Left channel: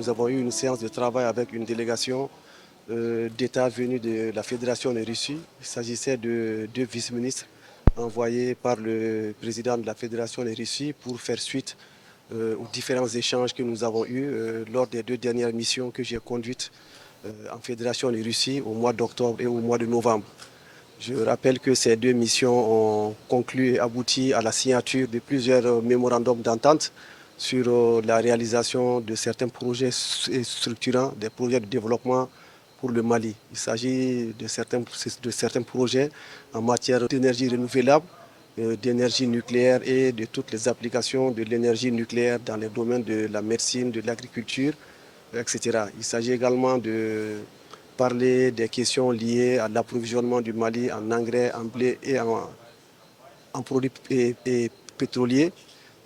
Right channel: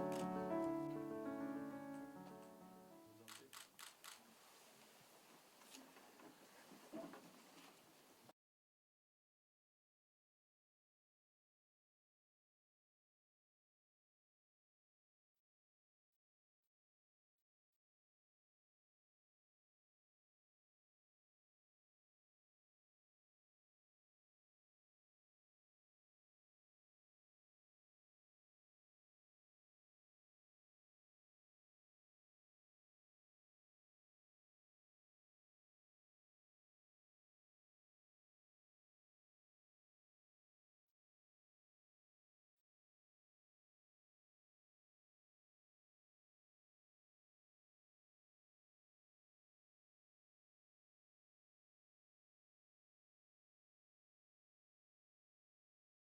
nous avons eu une séance de travail avec une délégation d'État venue de la Fédération de Russie. Il s'agissait de deux vice-ministres envoyés par le président de la Fédération de Russie pour faire suite aux différents échanges que nous avons eus lors des deux dernières missions que j'ai conduites en Fédération de Russie au mois d'octobre et au mois de novembre. Je rappelle que ces deux missions ont conclu et abouti à la signature de plusieurs mémorandums d'entente sur la réalisation de certains projets structurants, des projets de développement pour le Mali. Il s'agit de certains projets en matière d'énergie renouvelable, d'énergie nucléaire et de toutes les applications de l'énergie nucléaire dans les domaines de la médecine, de l'agriculture, etc. Il s'agit également de parler des questions liées à l'approvisionnement du Mali en engrais, en blé et en produits pétroliers.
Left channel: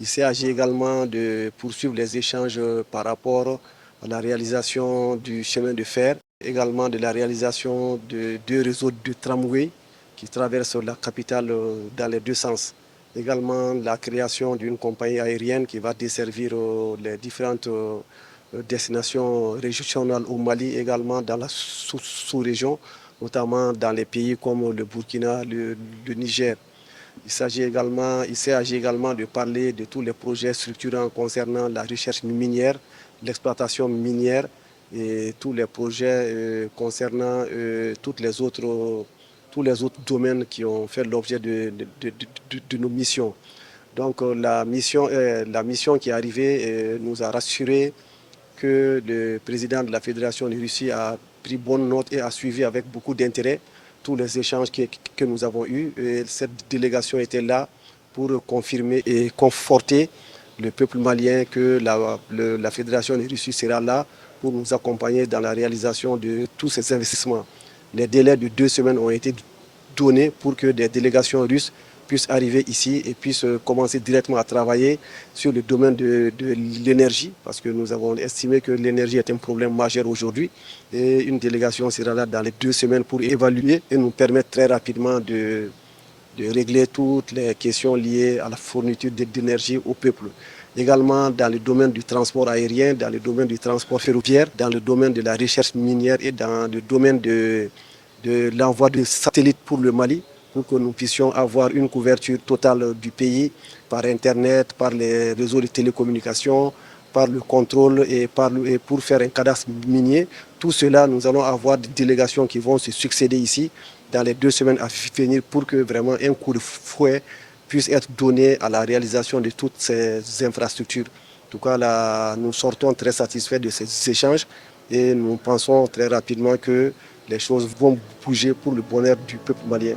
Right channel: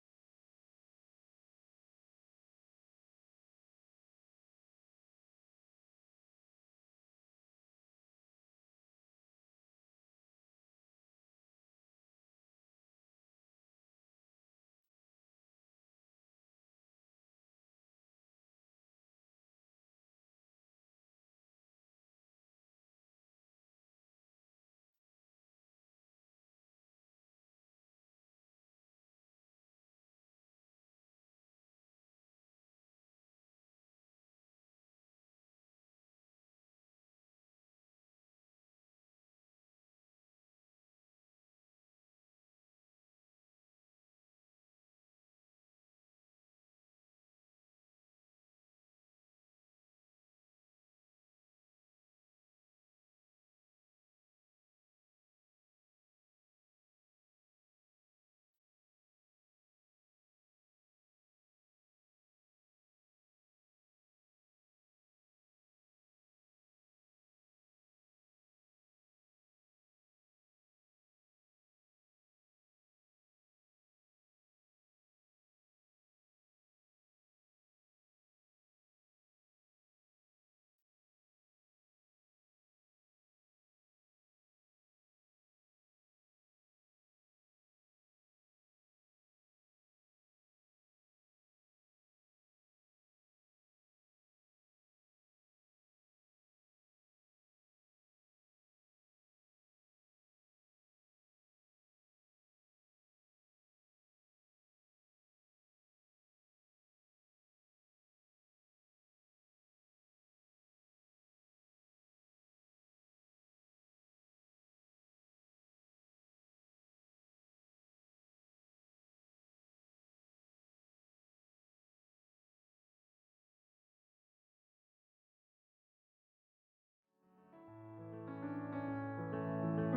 Il s'agit également de poursuivre les échanges par rapport à la réalisation du chemin de fer, également de la réalisation de deux réseaux de tramway qui traversent la capitale dans les deux sens. Également la création d'une compagnie aérienne qui va desservir les différentes destinations régionales au Mali, également dans la sous-région, notamment dans les pays comme le Burkina, le Niger. Il s'agit également de parler de tous les projets structurants concernant la recherche minière, l'exploitation minière et tous les projets concernant tous les autres domaines qui ont fait l'objet de nos missions. Donc la mission qui est arrivée nous a rassuré que le président de la Fédération de Russie a pris bonne note et a suivi avec beaucoup d'intérêt tous les échanges que nous avons eus. Et cette délégation était là pour confirmer et conforter le peuple malien que la Fédération de Russie sera là pour nous accompagner dans la réalisation de tous ces investissements. Les délais de 2 semaines ont été donnés pour que des délégations russes puissent arriver ici et puissent commencer directement à travailler sur le domaine de l'énergie, parce que nous avons estimé que l'énergie est un problème majeur aujourd'hui. Et une délégation sera là dans les 2 semaines pour évaluer et nous permettre très rapidement de régler toutes les questions liées à la fourniture d'énergie au peuple. Également dans le domaine du transport aérien, dans le domaine du transport ferroviaire, dans le domaine de la recherche minière et dans le domaine de l'envoi de satellites pour le Mali, pour que nous puissions avoir une couverture totale du pays par Internet, par les réseaux de télécommunications, par le contrôle et pour faire un cadastre minier. Tout cela, nous allons avoir des délégations qui vont se succéder ici dans les 2 semaines à venir pour que vraiment un coup de fouet puisse être donné à la réalisation de toutes ces infrastructures. En tout cas, là, nous sortons très satisfaits de ces échanges et nous pensons très rapidement que les choses vont bouger pour le bonheur du peuple malien.